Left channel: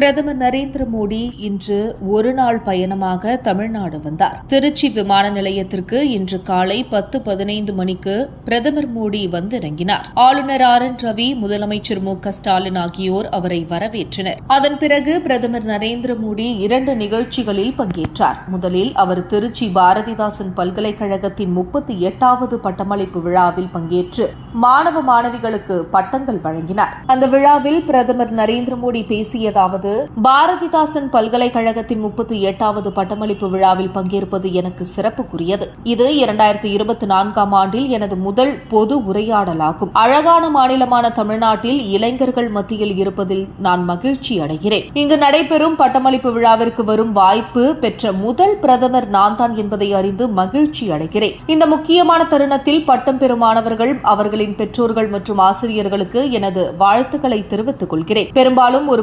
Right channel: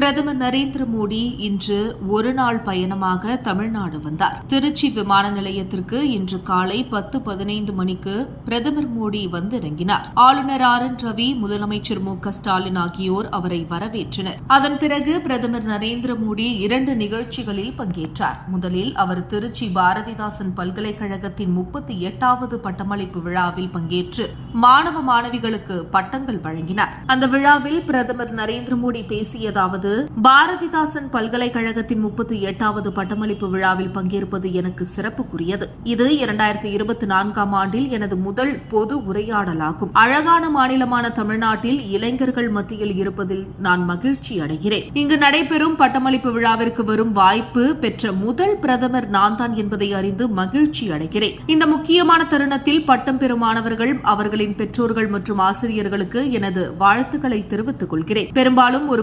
பிரதமர் நரேந்திர மோடி இன்று ஒரு நாள் பயணமாக தமிழ்நாடு வந்தார். திருச்சி விமான நிலையத்திற்கு இன்று காலை பத்து பதினைந்து மணிக்கு பிரதமர் மோடி வந்திறங்கினார். ஆளுநர் ஆர் என் ரவி முதலமைச்சர் மு க ஸ்டாலின் ஆகியோர் அவரை வரவேற்றனர். அதன் பிறகு பிரதமர் நரேந்திர மோடி இரண்டு நிகழ்ச்சிகளில் பங்கேற்றார். முதலில் அவர் திருச்சி பாரதிதாசன் பல்கலைக்கழகத்தின் முப்பத்தி எட்டாவது பட்டமளிப்பு விழாவில் பங்கேற்று மாணவ மாணவிகளுக்கு பட்டங்கள் வழங்கினார். அந்த விழாவில் பிரதமர் நரேந்திர மோடி பேசியதாவது பாரதிதாசன் பல்கலைக்கழகத்தின் முப்பத்தி எட்டாவது பட்டமளிப்பு விழாவில் பங்கேற்பது எனக்கு சிறப்புக்குரியது. இது இரண்டாயிரத்தி இருபத்தி நான்காம் ஆண்டில் எனது முதல் பொது உரையாடலாகும். அழகான மாநிலமான தமிழ்நாட்டில் இளைஞர்கள் மத்தியில் இருப்பதில் நான் மகிழ்ச்சி அடைகிறேன். இங்கு நடைபெறும் பட்டமளிப்பு விழாவிற்கு வரும் வாய்ப்பு பெற்ற முதல் பிரதமர் நான் தான் என்பதை அறிந்து மகிழ்ச்சி அடைகிறேன். இந்த முக்கியமான தருணத்தில் பட்டம் பெறும் மாணவர்கள் அவர்களின் பெற்றோர்கள் மற்றும் ஆசிரியர்களுக்கு எனது வாழ்த்துக்களை தெரிவித்துக் கொள்கிறேன். பெரும்பாலும் ஒரு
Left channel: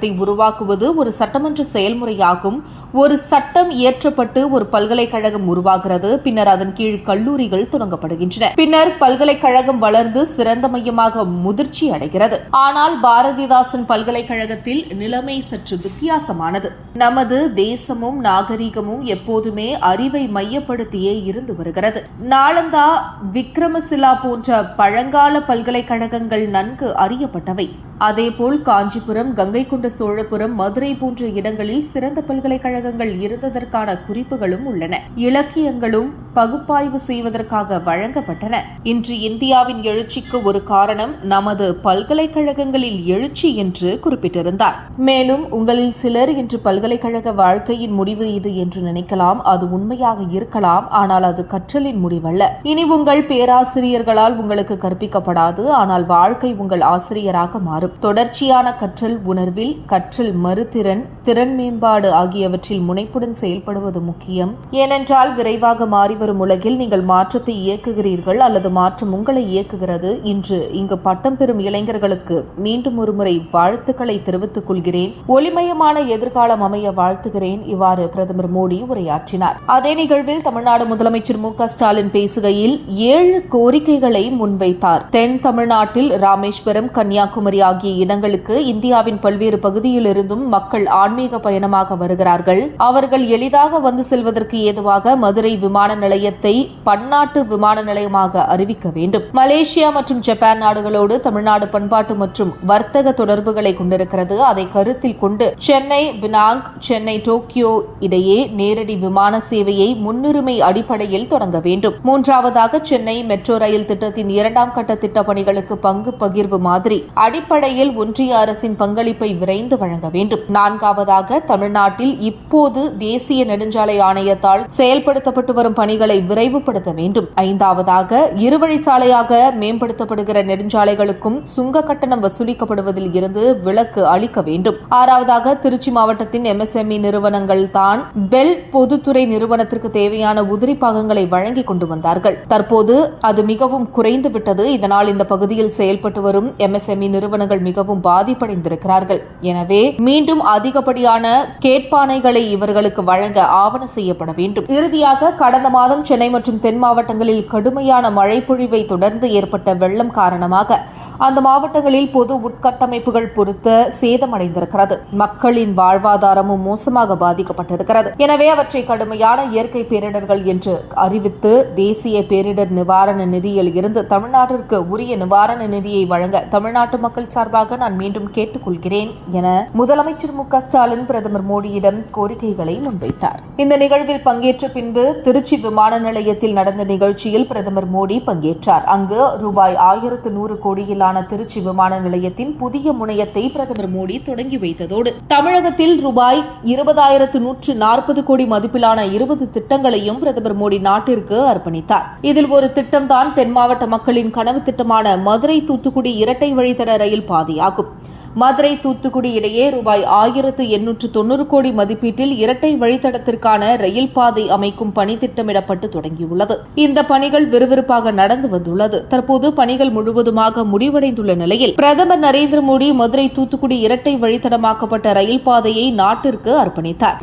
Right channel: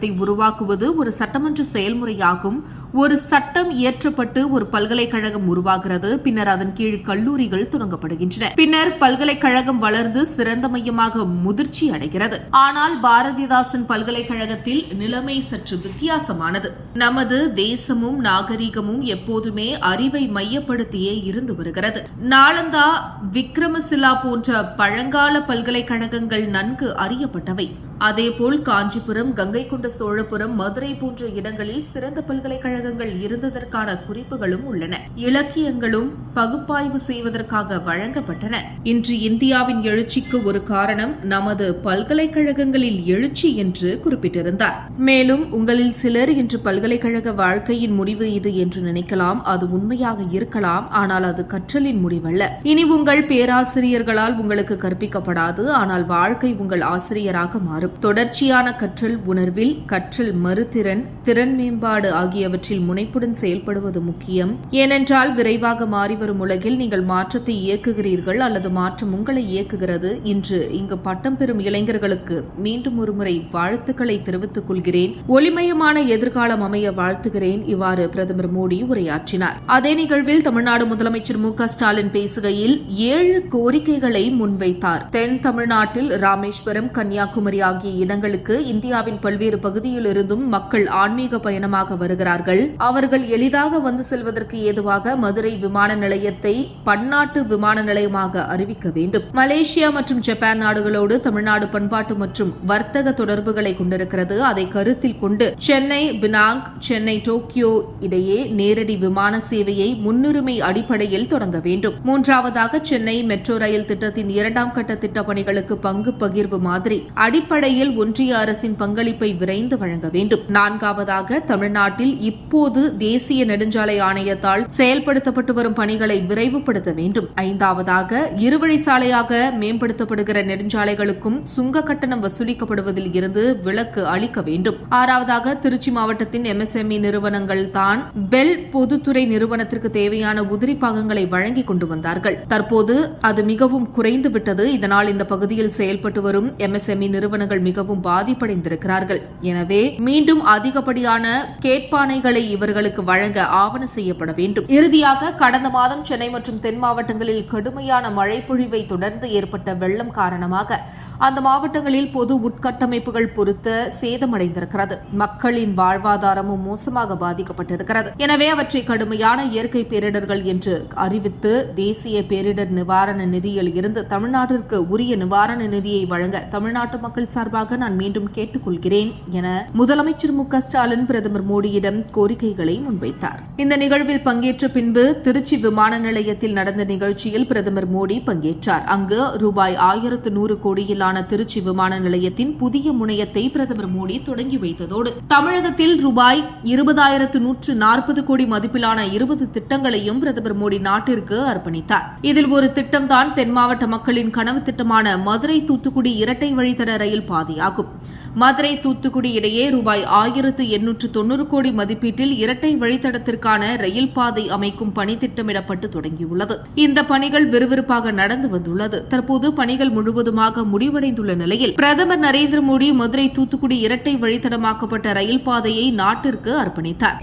பல்கலைக்கழகத்தை உருவாக்குவது ஒரு சட்டமன்ற செயல்முறையாகும். ஒரு சட்டம் இயற்றப்பட்டு ஒரு பல்கலைக்கழகம் உருவாகிறது. பின்னர் அதன் கீழ் கல்லூரிகள் தொடங்கப்படுகின்றன. பின்னர் பல்கலைக்கழகம் வளர்ந்து சிறந்த மையமாக முதிர்ச்சி அடைகிறது. ஆனால் பாரதிதாசன் பல்கலைக்கழகத்தில் நிலைமை சற்று வித்தியாசமானது. நமது தேசமும் நாகரிகமும் எப்போதுமே அறிவை மையப்படுத்தியே இருந்து வருகிறது. நாளந்தா விக்ரமசிலா போன்ற பழங்கால பல்கலைக்கழகங்கள் நன்கு அறியப்பட்டவை. அதேபோல் காஞ்சிபுரம் கங்கை கொண்ட சோழபுரம் மதுரை போன்ற இடங்களில் சிறந்த பல்கலைக்கழகங்கள் இருந்ததற்கான குறிப்புகளும் உள்ளன. இலக்கியங்களும் பகுப்பாய்வு செய்வதற்காக வழங்கப்பட்டன. இன்று இந்தியாவின் எழுச்சிக்கு ஒரு காரணம் நமது பல்கலைக்கழகங்களில் எழுச்சி என்று குறிப்பிட்டிருந்தார். மேலும் உங்களில் சிலர் இன்று பல்கலைக்கழக வாழ்க்கையின் முடிவு இது என்று நினைக்கலாம். அது உண்மையாக இருக்கலாம். ஆனால் அது கற்றலின் முடிவல்ல. இனி உங்கள் பேராசிரியர்களால் உங்களுக்கு கற்பிக்கப்படாது. ஆனால் வாழ்க்கை உங்கள் ஆசிரியராக மாறும். தொடர்ச்சியான கற்றல் உணர்வில் கற்றல் மறுதிறன் திறன் மேம்பாடு ஆகியவற்றில் முனைப்புடன் செயல்படுவது முக்கியம். ஏனென்றால் விரைவாக மாறிவரும் உலகில் நீங்கள் மாற்றத்தை இயக்குகிறீர்கள் அல்லது மாற்றம் உங்களை இயக்குகிறது. இன்று இங்கு பட்டம் பெறும் இளைஞர்களுக்கு மீண்டும் ஒருமுறை வாழ்த்துக்களை தெரிவித்துக் கொள்கிறேன். ஒளிமயமான எதிர்காலம் அமைய வாழ்த்துகிறேன். இவ்வாறு பிரதமர் மோடி உரையாற்றினார். அதே நிகழ்வில் தமிழ்நாடு முதலமைச்சர் மு க ஸ்டாலின் பேசுகையில் ஏழு கோரிக்கைகளை முன்வைத்தார். தென் தமிழ்நாட்டில் ராமேஸ்வரம் கன்னியாகுமரி ஆகிய ஆகிய இடங்களுக்கு இந்தியாவின் பல்வேறு பகுதியிலிருந்தும் மக்கள் ஆன்மீக பயணமாக வருகிறார்கள். அவர்கள் எளிதாக வந்து செல்வதற்கு ஏதுவாக மதுரை விமான நிலையத்தை பன்னாட்டு விமான நிலையமாக அறிவிக்க வேண்டும். மலேசியா மற்றும் ஜப்பான் நாடுகளோடு தமிழ்நாடு பண்பாட்டு மற்றும் வர்த்தக தொடர்புகளை கொண்டிருக்கிறது. அதை கருத்தில் கொண்டு சென்னை பினாங் சென்னை டோக்கியோ இடையே நேரடி விமான சேவையை முன்னுரிமை அடிப்படையில் தொடங்க வேண்டும். மூன்றாவதாக சென்னை மெட்ரோ ரயில் திட்டத்தின் இரண்டாம் கட்ட திட்டப் பணிகளுக்கு பங்கு பகிர்வு மாதிரி அடிப்படை அடிப்படையில் ஒன்றிய அரசின் பங்களிப்பை விரைந்து வழங்க வேண்டும். நான்காவதாக தமிழ்நாட்டில் இப்போது தேசிய நெடுஞ்சாலை ஆணையத்தால் செயல்படுத்தப்பட்டு வரும் பணிகளை விரைவுபடுத்த வேண்டும். ஐந்தாவதாக இருவழி சாலையாக மேம்படுத்தப்படுகிற நெடுஞ்சாலைகளுக்கும் சுங்க கட்டணம் வசூலிக்கப்படுவதில் இருந்து விலக்கு அளிக்க வேண்டும். ஆறாவதாக திருச்சி மாவட்டத்தின் எம்எஸ்எம்இ நிறுவனங்கள் தான் பெல் பொதுத்துறை நிறுவனத்திற்கு தேவையான உதிரி பாகங்களை வழங்கி கொண்டு வந்தார்கள். தற்போது அது மிகவும் குறைந்துவிட்டது. இதனால் இந்த பகுதியில் செயல்பட்டு வரும் எம்எஸ்எம்இ நிறுவனங்கள் மிகவும் பாதிப்படைந்திருக்கிறார்கள். எனவே மீண்டும் அதிகப்படியான கேட்பானைகளை இவர்களுக்கு வழங்க ஆவண செய்யப்பட வேண்டும். இறுதியாக கடந்த மாதம் சென்னை மற்றும் தென் மாவட்டங்களில் கடுமையான மழை பொழிவை தொடர்ந்து ஏற்பட்ட வெள்ளம் காரணமாக அந்த மாவட்டங்களில் பொது உட்கட்டமைப்புகள் பொறுத்த சேதமடைந்திருக்கிறது. மக்களின் வாழ்வாதாரமும் மோசமாக பாதிக்கப்பட்டிருக்கிறது. எனவே அவற்றை கடுமையான இயற்கை பேரிடர்கள் என்று அறிவித்து தேசிய பேரிடர் நிவாரண நிதியில் இருந்து தமிழ்நாட்டிற்கு உரிய நிவாரண நிதியை வழங்க தமிழ்நாட்டு மக்கள் சார்பாக நான் மீண்டும் கேட்டுக்கொள்கிறேன் என முதலமைச்சர் மு ஸ்டாலின் பிரதமர் மோடியிடம் கோரிக்கைகளை முன்வைத்தார். இந்த நிகழ்வில் பங்கேற்ற பின்பு திருச்சி விமான நிலையத்தில் நடந்த நிகழ்ச்சியில் பிரதமர் மோடி பங்கேற்றார். அங்கு ரூபாய் ஆயிரத்து நூறு கோடியிலான திருச்சி விமான நிலையத்தின் புதிய முனையத்தை பிரதமர் மோடி தொடங்கி வைத்ததோடு தமிழகத்தில் ரூபாய் இருபதாயிரத்து நூற்று நாற்பது கோடி மதிப்பிலான இருபது திட்டங்களையும் பிரதமர் மோடி நாட்டிற்கு அர்ப்பணித்தார். இதில் ஒரு திட்டம்தான் தென் மாவட்ட மக்களின் கனவு திட்டமான மதுரை தூத்துக்குடி இரட்டை வழித்தட ரயில் பாதையாகும். மதுரை தூத்துக்குடி இடையே ரூபாய் ஆயிரத்து எண்ணூற்று தொன்னூறு கோடி மதிப்பீட்டில் இரட்டை வழித்தடத்திற்கான ரயில் பாதை அமைக்கும் பணி திட்டமிடப்பட்டு தொடங்கியுள்ளது. இந்த பணிகள் விறுவிறுப்பாக நடந்து வந்துள்ளது. தற்போது பணிகள் முழுவதுமாக முடிவடைந்துள்ள நிலையில் பிரதமர் நரேந்திர மோடி மதுரை தூத்துக்குடி இரட்டை வழித்தடமாக்கப்பட்ட ரயில் பாதையை நாட்டிற்கு அர்ப்பணித்தார்.